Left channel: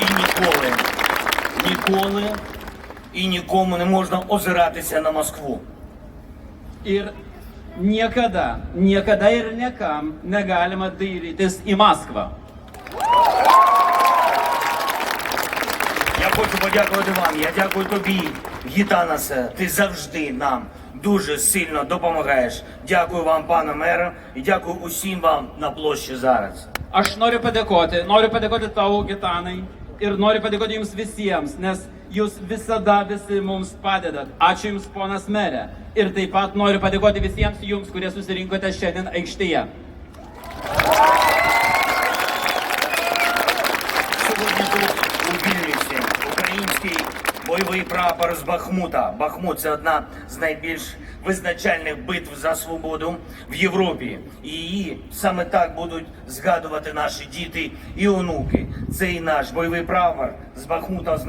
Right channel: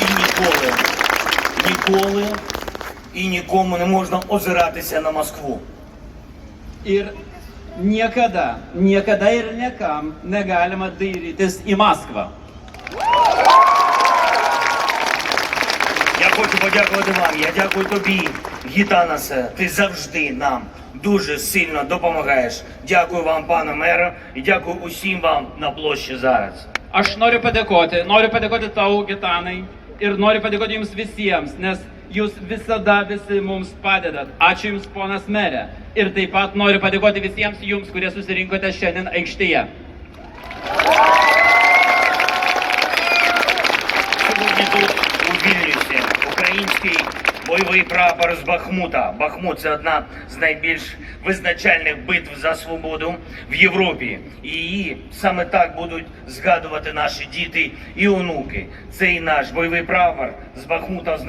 ніколи ніколи і нікому не можна озиратися на Москву. Ir niekada, niekada ir niekam negalima dairytis į Maskvą. Я хочу подякувати вам. Я дякую тобі, Гітанасе. Ти завжди нам дуже сильно допомагаєш. Дякую вам, пане мере, і дякую усім вам на площі зараз. Aš noriu padėkoti, noriu padėkoti tau, Gitanai, ir noriu padėkoti jums visiems, nes jūs visada visi mums padedat. Ačiū jums, ponas merė. Ir taip pat noriu padėkoti visiems jums, kurie susirinkote šiandien aikštėje. Сьогодні тут у Вільнюсі український бойовий прапор з Бахмута. Бахмут це одна з найбільш визначальних битв за свободу в Європі. І її саме так будуть згадувати наші діти і онуки. Цей наш бойовий прапор з Бахмута означає.